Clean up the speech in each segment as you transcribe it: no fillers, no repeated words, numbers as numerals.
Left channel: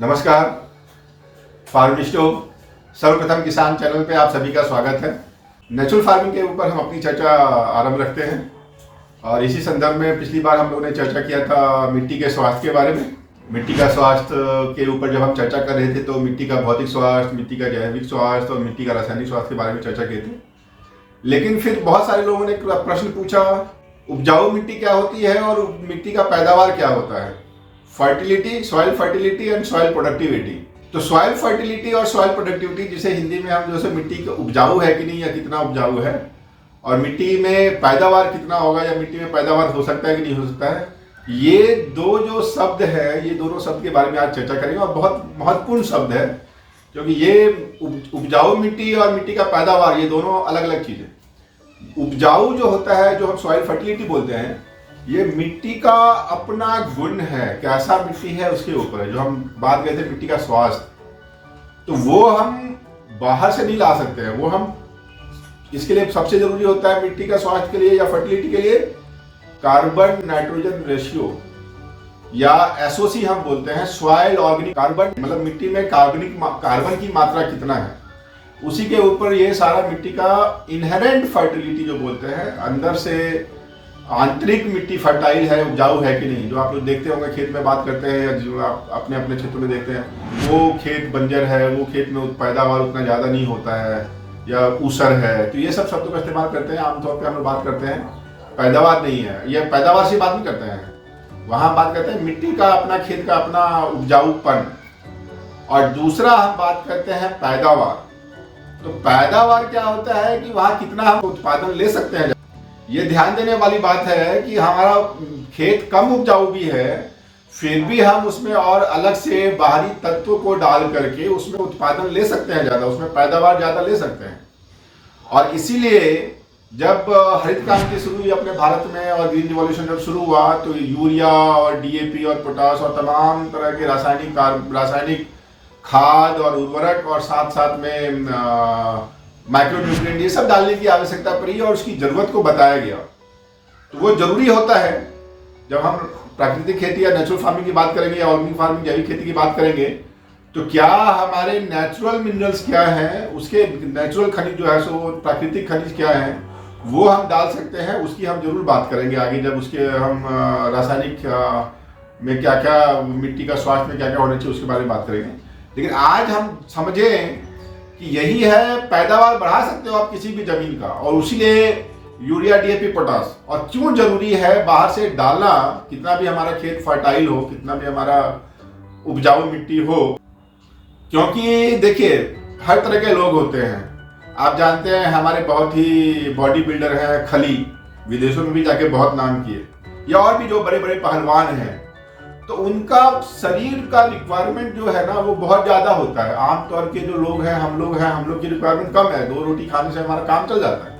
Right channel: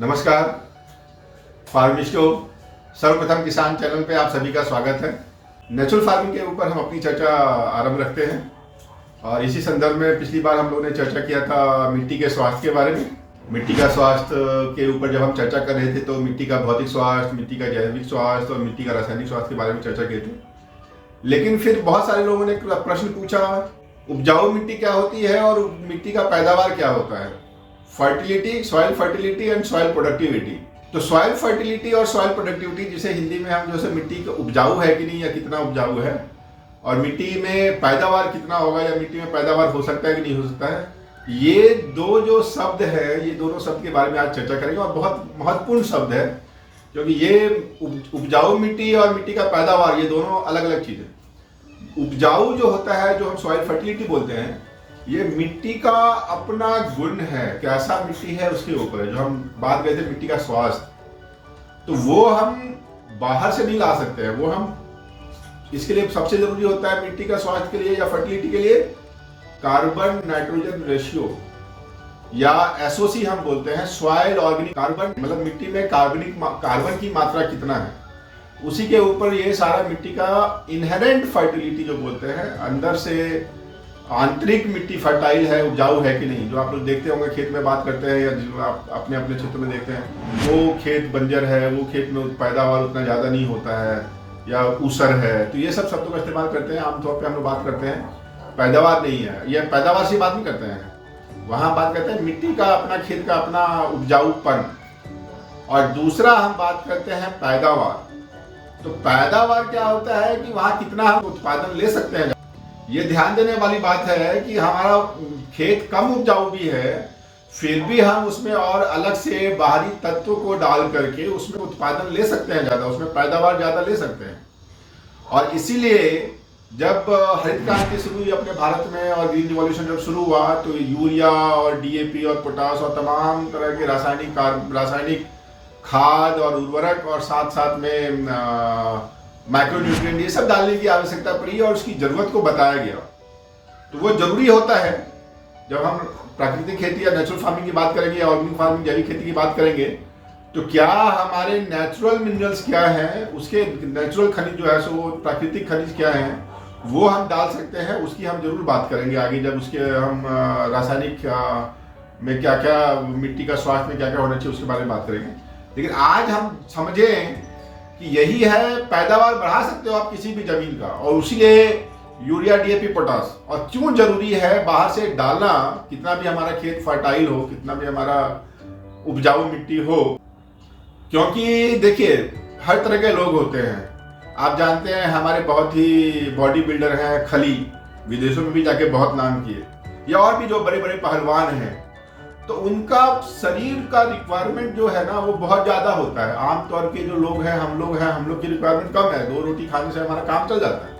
नमस्कार फार्मिस्टो, सर्वप्रथम किसान चैनल पे आप सभी का स्वागत है। नेचुरल फार्मिंग के ऊपर हम अपनी चर्चा आरंभ रखते हैं और इसी संदर्भ में पिछली बार हम लोगों ने चर्चा किया था मिट्टी के स्वास्थ्य के बारे में। मिट्टी का स्वास्थ्य के ऊपर जब हम चर्चा कर रहे थे तो मिट्टी का भौतिक स्वास्थ्य, मिट्टी का जैविक स्वास्थ्य और मिट्टी का रासायनिक स्वास्थ्य के बारे में चर्चा किए थे। लेकिन फिर बहुत सारे लोगों ने प्रश्न पूछा, उपजाऊ मिट्टी क्या होती है और मिट्टी का पैदावार क्या होता है। Fertility, soil fertility and soil productivity. तो सॉइल फर्टिलिटी और सॉइल प्रोडक्टिविटी, जिसे हिंदी में हम जैसे मिट्टी का उपजाऊ है कि नहीं या कितना उपजाऊ है, और मिट्टी में पैदावार कितना होगा या मिट्टी में पैदावार हो सकता है कि नहीं हो सकता है, ये दो जो शब्द है, ये दोनों शब्द के बारे में आज चर्चा करेंगे। और बहुत महत्वपूर्ण शब्द है क्योंकि ये उपजाऊ मिट्टी और मिट्टी का पैदावार ये दोनों अलग अलग चीज है। उपजाऊ जो होता है, जो हम सॉइल फर्टिलिटी बोलते हैं, ये मिट्टी का अपना गुण है, कैसा मिट्टी है उसके ऊपर है। जो हम बात करते थे मिट्टी का स्वास्थ्य, तो वो हम बाहर से नहीं ला सकते हैं। वो हम इसके लिए सबसे जरूरी होता है मिट्टी का स्वास्थ्य के लिए या फर्टिलिटी के लिए कार्बन नाइट्रोजन रेशियो, या एसओसी हम बोलते हैं, सॉइल ऑर्गेनिक कार्बन, मतलब मिट्टी में कार्बन की मात्रा कितना है, उसी के ऊपर ये सारा मिट्टी का इनहेरेंट फर्टिलिटी जो बोलते हैं, अंदर से आंतरिक मिट्टी फर्टाइल है, उपजाऊ है कि नहीं। जो आप लोग देखते होंगे खेत में बात करते हैं या जो आप अपने अपने क्षेत्र में देखते हैं, वो खेत बंजर है, वो खेत में पैदावार उतना ज़्यादा नहीं होता है या ऊसर है, तो ये सब शब्दों का इस्तेमाल करते हैं। आमतौर पर हम लोग बात करते हैं पैदावार नहीं है, ये पैदावार से बात नहीं करते हैं, वहाँ बात करते हैं मिट्टी का अपना, खेत का अपना उपजाऊपन। और दूसरा हम बात करते हैं पैदावार। तो पैदावार क्या होता है कि वहाँ कितना हम उत्पादन ले सकते हैं। ये ध्यान देने वाली बात है कि हमारा खेत कम उपजाऊ भी है, फिर भी हम उसमें और अलग से बाहरी तत्व को डाल करके उसमें उत्पादन ले सकते हैं ज्यादा, उसमें पैदावार ज्यादा ले सकते हैं। और इसीलिए जब हरित क्रांति शुरू हुई अपने भारत में और ग्रीन रिवॉल्यूशन जब शुरू हुआ, तो यूरिया और डीएपी और पोटास और तमाम तरह के रासायनिक खाद और उर्वरक और साथ साथ में माइक्रोन्यूट्रिएंट, ये सब डालने की आवश्यकता पड़ी और उसकी जरूरत को बताया गया। तो वो जरूरी होता है। जब हम प्राकृतिक खेती या नेचुरल फार्मिंग की बात करेंगे या ऑर्गेनिक फार्मिंग, जैविक खेती की बात करेंगे, तो क्या हमारे नेचुरल मिनरल्स क्या है, उसके नेचुरल खनिज जो है, सो प्राकृतिक खनिज क्या है, वो हम डाल सकते हैं। उसकी हम जरूर बात करेंगे आगे, जब उसके हम रासायनिक में क्या क्या, मिट्टी का स्वास्थ्य में क्या क्या होना चाहिए, उसके बारे में बात करेंगे। लेकिन आज हम समझें कि यही है, पैदावार बढ़ा सकते हो आप किसी भी जमीन का, और उसीलिए यूरिया, डीएपी, पोटास। और क्यों जरूरी है बाहर से डालना, कितना भी हमारा खेत फर्टाइल हो, कितना भी हमारा उपजाऊ मिट्टी हो, क्योंकि देखिए हर तरह के लोग होते हैं। आप जानते हैं हमारे बहुत ही बॉडी बिल्डर है खली, विदेशों में भी जाके बहुत नाम किए, या और भी जो बड़े बड़े पहलवान हैं, तो उनका शरीर का रिक्वायरमेंट जो है ना वो बहुत ज्यादा होता है। आमतौर के जो लोग हैं, हम लोग की रिक्वायरमेंट कम है, 2 रोटी खाने से हमारा काम चल जाता है।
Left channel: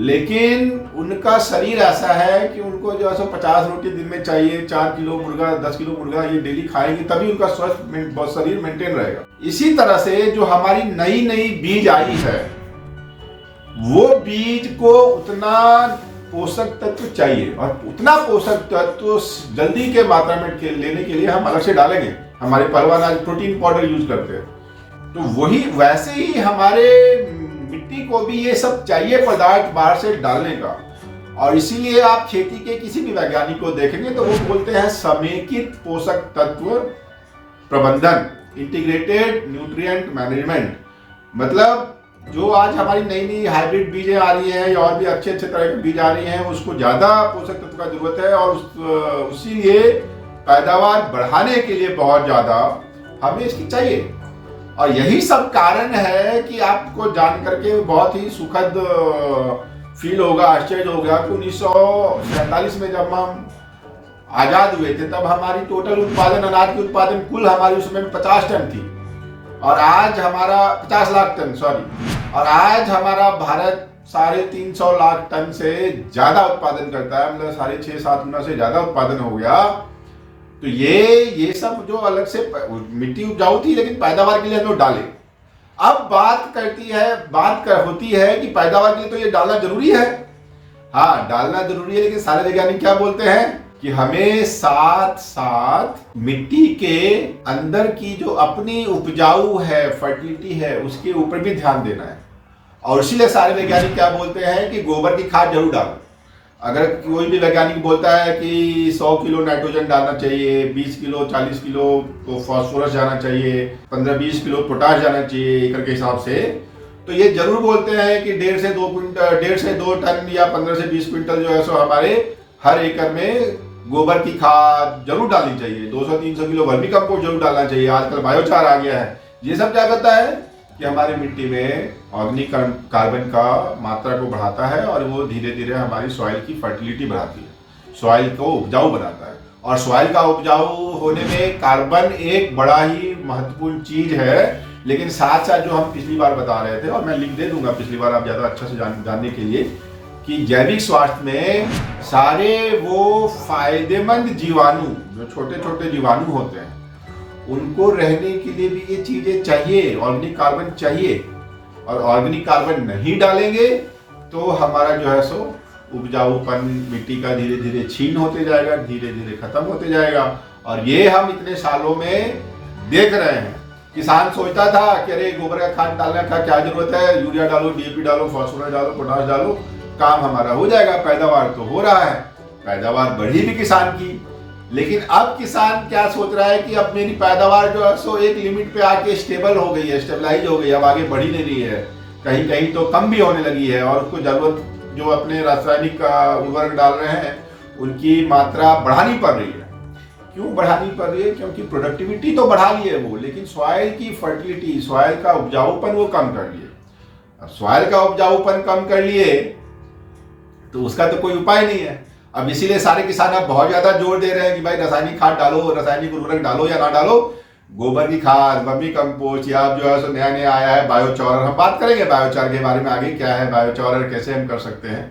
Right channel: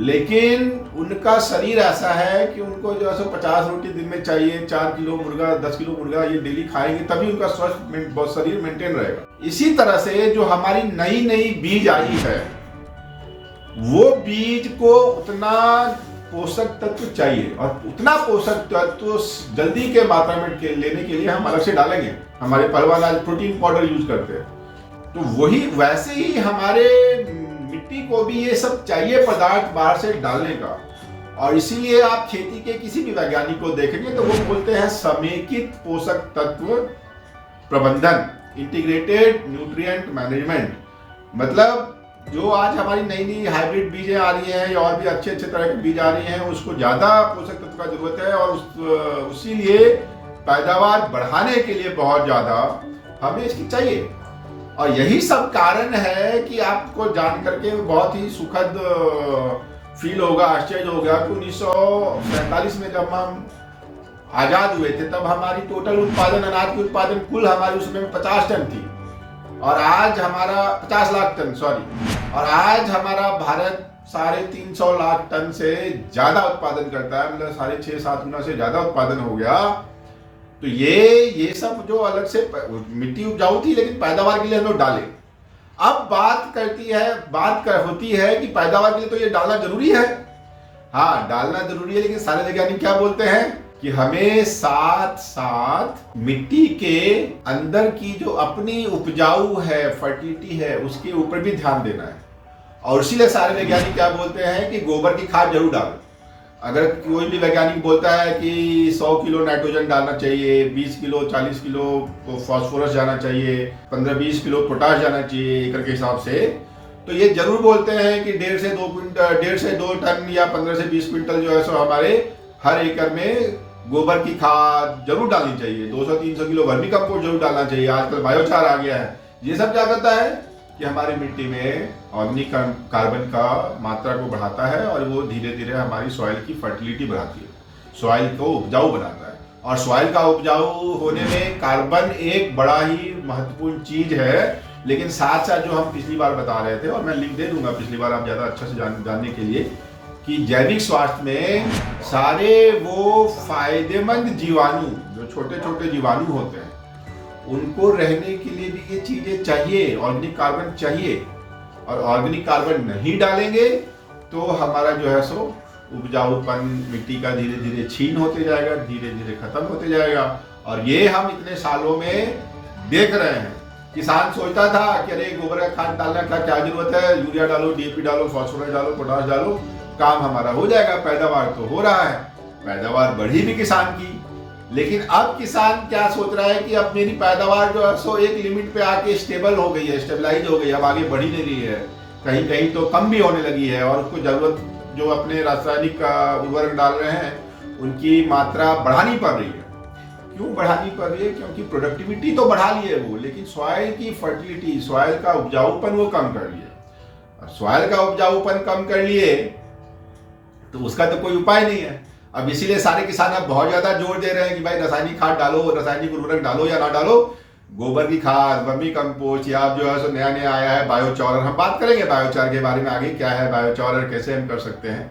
लेकिन उनका शरीर ऐसा है कि उनको जो है 50 रोटी दिन में चाहिए, 4 किलो मुर्गा, 10 किलो मुर्गा ये डेली खाएंगे, तभी उनका स्वस्थ शरीर मेंटेन रहेगा। इसी तरह से जो हमारी नई नई बीज आई है, वो बीज को उतना पोषक तत्व चाहिए, और उतना पोषक तत्व जल्दी के मात्रा में लेने के लिए हम अलग से डालेंगे। हमारे पहलवान आज प्रोटीन पाउडर यूज करते हैं, तो वही वैसे ही हमारे मिट्टी को भी ये सब चाहिए पदार्थ बाहर से डालने का। और इसीलिए आप खेती के किसी भी वैज्ञानिक को देखेंगे तो वो बोलते हैं समेकित पोषक तत्व प्रबंधन, इंटीग्रेटेड न्यूट्रिएंट मैनेजमेंट। मतलब जो आज हमारी नई नई हाइब्रिड बीजें आ रही हैं या और भी अच्छे अच्छे तरह के बीज आ रही हैं, उसको ज्यादा पोषक तत्व का जरूरत है, और उसीलिए पैदावार बढ़ाने के लिए बहुत ज्यादा हमें इसकी चाहिए। और यही सब कारण है कि आपको जान करके बहुत ही सुखद फील होगा, आश्चर्य होगा कि 1947 में जब हम आजाद हुए थे, तब हमारी टोटल उत्पादन, अनाज की उत्पादन कुल हमारी उस समय 50 टन थी, और आज हमारा 50 लाख टन, सॉरी, और आज हमारा भारत 350 लाख टन से ज्यादा उत्पादन करता है, मतलब 6.5-7 गुना से ज्यादा उत्पादन हो गया। तो ये सब जो अलग से मिट्टी उपजाऊ थी, लेकिन पैदावार के लिए लोग डाले। अब बात होती है कि पैदावार के लिए तो ये डालना जरूरी है। हाँ, डालना जरूरी है, लेकिन सारे वैज्ञानिक क्या बोलते हैं कि हमें साथ साथ मिट्टी के अंदर की जो अपनी उपजाऊ है, फर्टिलिटी है, उसके ऊपर भी ध्यान देना है। और इसीलिए सारे वैज्ञानिक क्या बोलते हैं कि गोबर की खाद जरूर डालो। अगर कोई भी वैज्ञानिक बोलता है कि 100 किलो नाइट्रोजन डालना चाहिए, 20 किलो 40 किलो तो फास्फोरस जाना चाहिए, 15-20 किलो पोटाश जाना चाहिए एकड़ के हिसाब से, तो ये जरूर बोलते हैं कि 1.5 से 2 टन या 15 से 20 क्विंटल जो है सो हमारे हर एकड़ में गोबर की खाद जरूर डालनी चाहिए। 200-300 किलो वर्मी कंपोस्ट जरूर डालना चाहिए। आजकल बायोचार आ गया है। ये सब क्या करता है कि हमारी मिट्टी में ऑर्गेनिक कार्बन का मात्रा को बढ़ाता है और वो धीरे धीरे हमारी सॉइल की फर्टिलिटी बढ़ाती है, सॉइल को उपजाऊ बनाता है। और सॉइल का उपजाऊ होने में कार्बन एक बड़ा ही महत्वपूर्ण चीज है। लेकिन साथ साथ जो हम पिछली बार बता रहे थे, और मैं लिंक दे दूंगा पिछली बार आप ज्यादा अच्छे से जानने के लिए, कि जैविक स्वास्थ्य में सारे वो फायदेमंद जीवाणु, जो छोटे छोटे जीवाणु होते हैं, उनको रहने के लिए भी ये चीजें चाहिए, ऑर्गेनिक कार्बन चाहिए। और ऑर्गेनिक कार्बन नहीं डालेंगे तो हमारा जो है सो उपजाऊपन मिट्टी का धीरे धीरे छीन होते जाएगा, धीरे धीरे खत्म होते जाएगा। और ये हम इतने सालों में देख रहे हैं। किसान सोचता था कि अरे गोबर का खाद डालने का क्या जरूरत है, यूरिया डालो, डीएपी डालो, फास्फोरस डालो, पोटाश डालो, काम हमारा हो जाएगा। पैदावार तो हो रहा है, पैदावार बढ़ी भी किसान की। लेकिन अब किसान क्या सोच रहा है कि अब मेरी पैदावार जो है सो एक लिमिट पे आके स्टेबल हो गई है, स्टेबलाइज हो गई है, अब आगे बढ़ी नहीं रही है, कहीं कहीं तो कम भी होने लगी है। और उसको जरूरत जो अपने रासायनिक उर्वरक डाल रहे हैं उनकी मात्रा बढ़ानी पड़ रही है। क्यों बढ़ानी पड़ रही है? क्योंकि प्रोडक्टिविटी तो बढ़ा ली है वो, लेकिन सॉइल की फर्टिलिटी, सॉइल का उपजाऊपन वो कम कर लिए। अब सॉइल का उपजाऊपन कम कर लिए तो उसका तो कोई उपाय नहीं है। अब इसीलिए सारे किसान अब बहुत ज्यादा जोर दे रहे हैं कि भाई रासायनिक खाद डालो, रासायनिक उर्वरक डालो या ना डालो, गोबर की खाद, वर्मी कंपोस्ट, या जो है नया नया आया है बायोचार। हम बात करेंगे बायोचार के बारे में आगे, क्या है बायोचार और कैसे हम कर सकते हैं।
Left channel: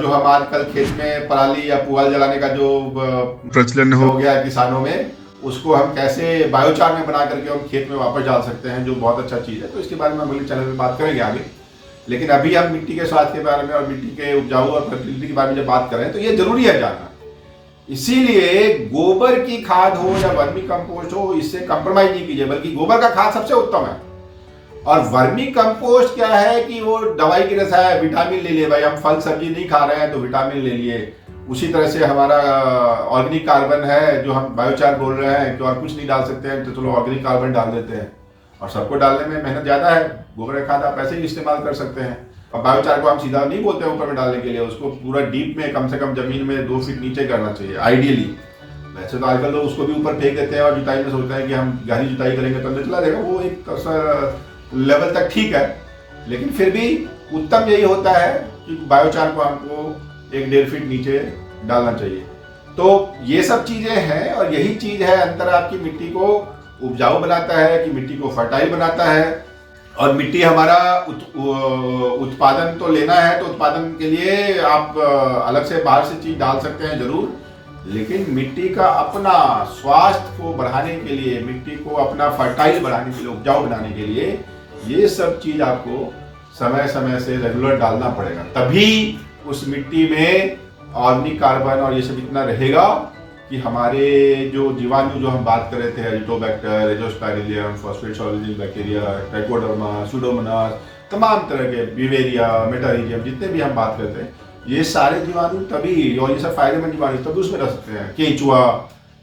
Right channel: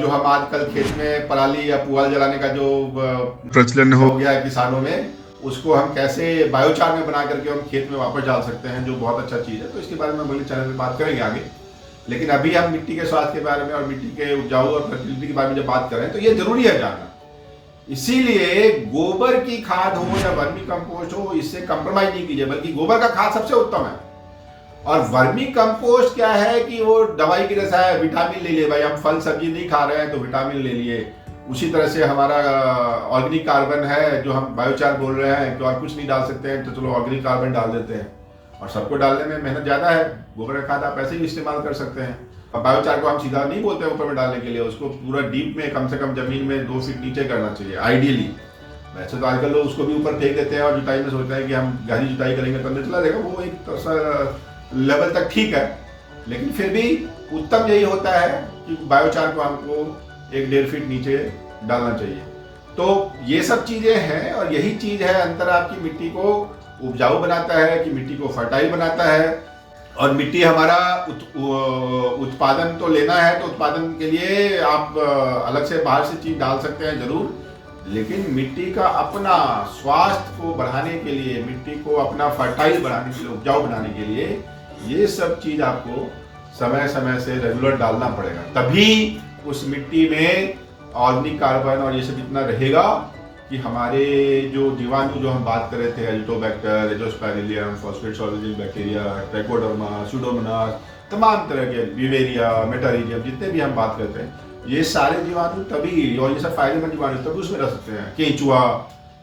जो हम आजकल खेत में पराली या पुआल जलाने का जो प्रचलन हो गया है किसानों में, उसको हम कैसे बायोचार में बना करके हम खेत में वापस डाल सकते हैं, जो बहुत अच्छा चीज है। तो इसके बारे में हम अगले चैनल में बात करेंगे आगे। लेकिन अभी हम मिट्टी के स्वास्थ्य के बारे में और मिट्टी के उपजाऊ और फर्टिलिटी के बारे में जब बात करें तो ये जरूरी है जानना। इसीलिए गोबर की खाद हो या वर्मी कंपोस्ट हो, इससे कंप्रोमाइज नहीं कीजिए, बल्कि गोबर का खाद सबसे उत्तम है। और वर्मी कंपोस्ट क्या है कि वो दवाई की जैसा है, विटामिन ले लिए। भाई हम फल सब्जी नहीं खा रहे हैं तो विटामिन ले लिए। उसी तरह से हमारा ऑर्गेनिक कार्बन है, जो हम बायोचार बोल रहे हैं कि और कुछ नहीं डाल सकते हैं तो चलो ऑर्गेनिक कार्बन डाल देते हैं। और सबको डालने में मेहनत ज्यादा है। गोबर का खाद आप ऐसे भी इस्तेमाल कर सकते हैं। और बायोचार को हम सीधा नहीं बोलते ऊपर में डालने के लिए, उसको पूरा डीप में, कम से कम जमीन में 2 फीट नीचे करना चाहिए आइडियली। ऐसे तो आजकल लोग उसको भी ऊपर फेंक देते हैं और जुताई में सोचते हैं कि हम गहरी जुताई करेंगे तब चला जाएगा। वो एक लेवल तक ठीक है, लेकिन फिर भी उत्तम यही होता है कि बायोचार को हमको 1-1.5 फीट नीचे डालना चाहिए। तो ये सब चीजें हैं और यही चीज है अंतर आपकी मिट्टी को उपजाऊ बनाता है, कि मिट्टी को फर्टाइल बनाता है। और मिट्टी हमारा उत्पादन तो लेना है तो उत्पादन के लिए आप अलग से बाहर से चीज डाल सकते हैं जरूर, लेकिन मिट्टी का अपना स्वास्थ्य को बढ़ाने के लिए, मिट्टी को अपना फर्टाइल बनाने के लिए, उपजाऊ बनाने के लिए, ये सब चीज आपको समय समय से रेगुलर डालना पड़ेगा। तभी उस मिट्टी में ऑर्गेनिक कार्बन और ये सब इतना रहेगा कि हमारे जो जीवाणु जो हम बात कर रहे थे, Azotobacter, Azospirillum, phosphate soluble bacteria, Trichoderma, Pseudomonas, तमाम तरह के विवेरिया, मेटारिजियम, जितने भी हम बात करते हैं, ये सारे जीवाणु तभी, और ये सब फायदेमंद जीवाणु तभी उसमें रह सकते हैं, केंचुआ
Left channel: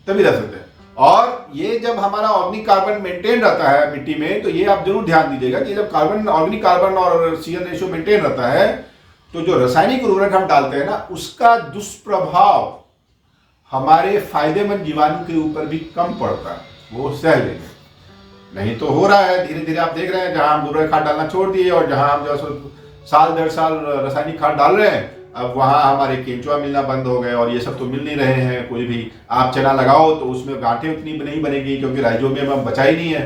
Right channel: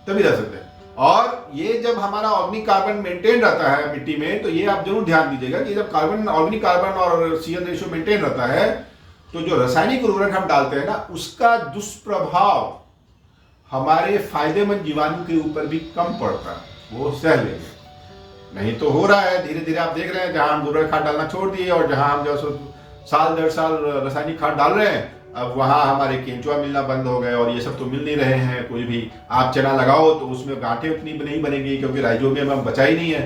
तभी रह सकते हैं। और ये जब हमारा ऑर्गेनिक कार्बन मेंटेन रहता है मिट्टी में, तो ये आप जरूर ध्यान दीजिएगा कि जब कार्बन, ऑर्गेनिक कार्बन और सीएल रेशियो मेंटेन रहता है, तो जो रासायनिक उर्वरक हम डालते हैं ना, उसका दुष्प्रभाव हमारे फायदेमंद जीवाणु के ऊपर भी कम पड़ता है, वो सह लेंगे। नहीं तो हो रहा है धीरे धीरे, आप देख रहे हैं, जहां हम गोबर खाद डालना छोड़ दिए और जहां हम जो साल 1.5 साल रासायनिक खाद डाल रहे हैं, अब वहां हमारे केंचुआ मिलना बंद हो गए और ये सब तो मिल नहीं रहे हैं। कोई भी आप चना लगाओ तो उसमें गांठें उतनी नहीं बनेगी, क्योंकि राइजोबियम अब बचा ही नहीं है।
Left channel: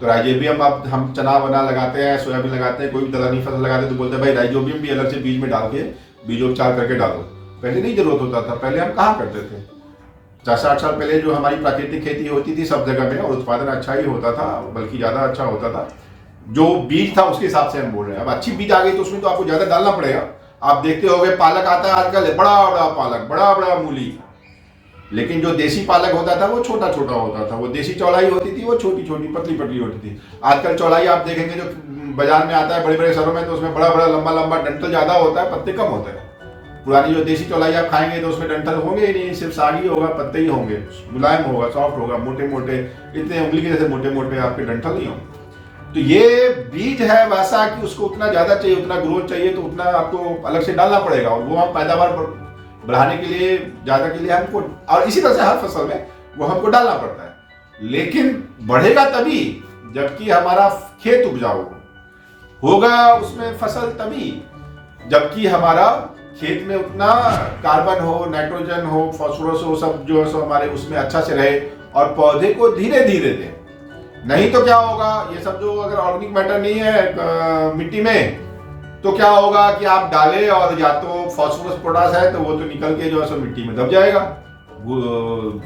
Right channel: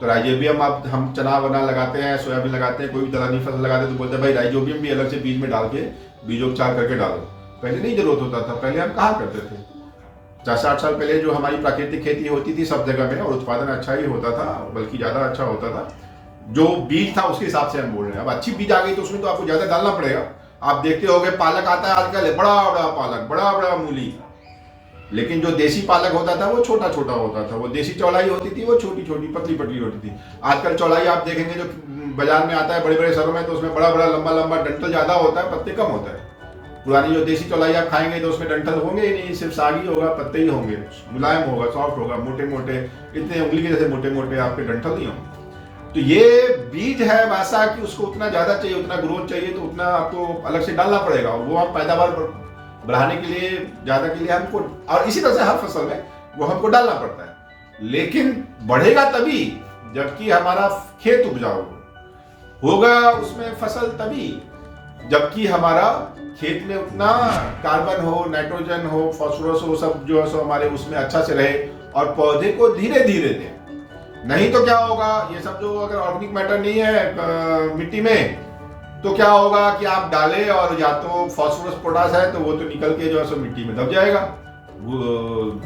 तो राइजोबियम अब हम चना बना लगाते हैं, सोयाबीन लगाते हैं, कोई भी दलहनी फसल लगाते हैं तो बोलते हैं भाई राइजोबियम भी अलग से बीज में डाल के बीजोपचार करके डालो। पहले नहीं जरूरत होता था, पहले हम कहाँ करते थे। 50-60 साल पहले जो हमारी प्राकृतिक खेती होती थी सब जगह में, और उत्पादन अच्छा ही होता था, बल्कि ज्यादा अच्छा होता था। जो बीज था उसके हिसाब से हम बोल रहे हैं। अब अच्छी बीज आ गई तो उसमें तो आपको ज्यादा डालना पड़ेगा। आप देखते होंगे पालक आता है आजकल, बड़ा बड़ा पालक, बड़ा बड़ा मूली, लेकिन जो देसी पालक होता था वो छोटा छोटा होता था, वो देसी चौलाई होती थी वो छोटी छोटी पतली पतली होती थी। आजकल चौलाई आप देखेंगे जो बाजार में आता है बड़े बड़े शहरों में, तो उसमें बड़ा बड़ा लंबा लंबा डंठल ज्यादा होता है, पत्ते कम होते हैं। पुरानी जो देसी चौलाई आप खाएंगे तो उसमें डंठल होंगे ही नहीं, सिर्फ साग ही होगा, पत्ते ही होंगे, मुलायम होगा, सॉफ्ट होगा, मोटे मोटे, इतने उंगली के जैसे मोटे मोटे आपके डंठल नहीं होंगे। तो ये बीज है वैसा कि उसको उतना ज्यादा चाहिए, उतना ग्रोथ चाहिए, तो उतना आपको अलग से डालना पड़ेगा, वो आप पैदावार बढ़ाने के लिए ज्यादा के लिए हमको, और इसी तरह से हर फसल में वो हमको डालना पड़ता है। लेकिन बढ़ेगा तभी जबकि हमारा खेत उपजाऊ होगा, उसमें फसल तभी जबकि हमारा खेत में उतना कार्बन हो, नाइट्रोजन हो, फास्फोरस हो, सब जो है हमारे उसमें अच्छा से रहे और पौधे को धीरे धीरे दें। नहीं तो क्या होगा, ये सब जो अगर ऑर्गेनिक मैटर नहीं है मिट्टी में, तो क्या होगा कि आप डालें और या तो फास्फोरस पोटास है तो वो तो निकल के जो है सो मिट्टी में दब जाएगा,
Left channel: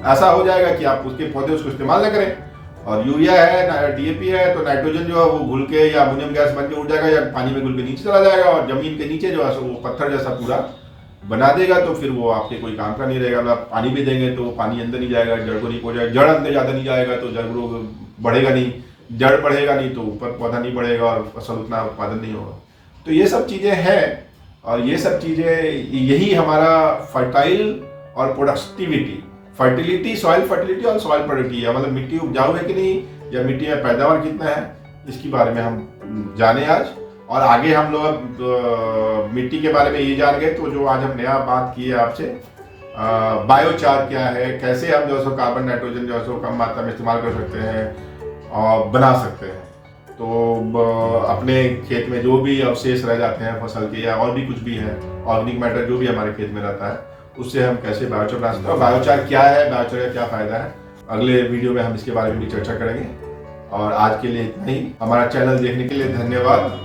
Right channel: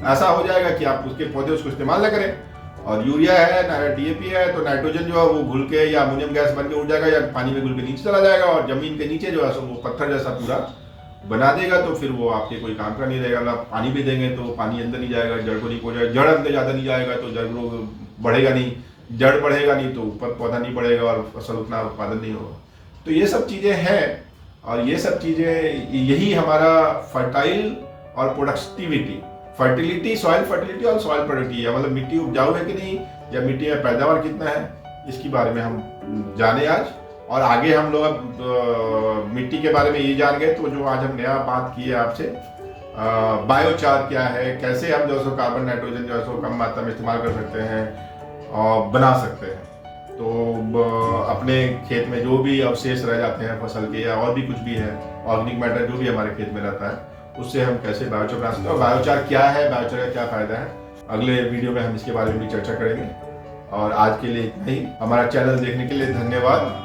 ऐसा हो जाएगा कि आप उसके पौधे उसको इस्तेमाल न करें। और यूरिया है, डीएपी है, तो नाइट्रोजन जो है वो घुल के या अमोनियम गैस बन के उड़ जाएगा या पानी में घुल के नीचे चला जाएगा और जमीन के नीचे जो है सो वो पत्थर जैसा पूरा बना देगा, तो फिर वो आपके कोई काम का नहीं रहेगा। आप पानी भी देंगे तो पानी अंदर नहीं जाएगा, जड़ को नहीं पहुंचाएगा, जड़ अंदर ज़्यादा नहीं जाएगा तो जड़ बढ़ेगा नहीं, जड़ बढ़ेगा नहीं तो ऊपर पौधा नहीं बढ़ेगा और फसल उतना उत्पादन नहीं होगा। तो ये सब चीज़ें हैं, और ये सब चीज़ें यही हमारा फर्टाइल और प्रोडक्टिविटी, फर्टिलिटी, सॉइल फर्टिलिटी और सॉइल प्रोडक्टिविटी है, मतलब मिट्टी उपजाऊ है कि नहीं या मिट्टी में पैदावार कितना है, इसके बारे में हम जाने आज। और आगे हम लोग मिट्टी के बारे में ये जान गए, तो जो आज हम नया बात की है आपसे, बायोचार क्या है, कैसे हम जो है कार्बन नाइट्रोजन जो है कम मात्रा में इस्तेमाल कर सकते हैं और बना सकते हैं। तो अपने खेत में जो भी अवशेष रह जाते हैं फसल के या और भी कुछ भी है, ऑर्गेनिक मैटर जो भी हमारे खेत में रहता है, उससे हम कैसे बायोचार बना सकते हैं, बायोचार क्या है, बायोचार का क्या फायदा है, अगले वीडियो में हम इसके बारे में भी चर्चा करेंगे। और आज के लिए इतना ही। हमारा चैनल देखने के लिए धन्यवाद।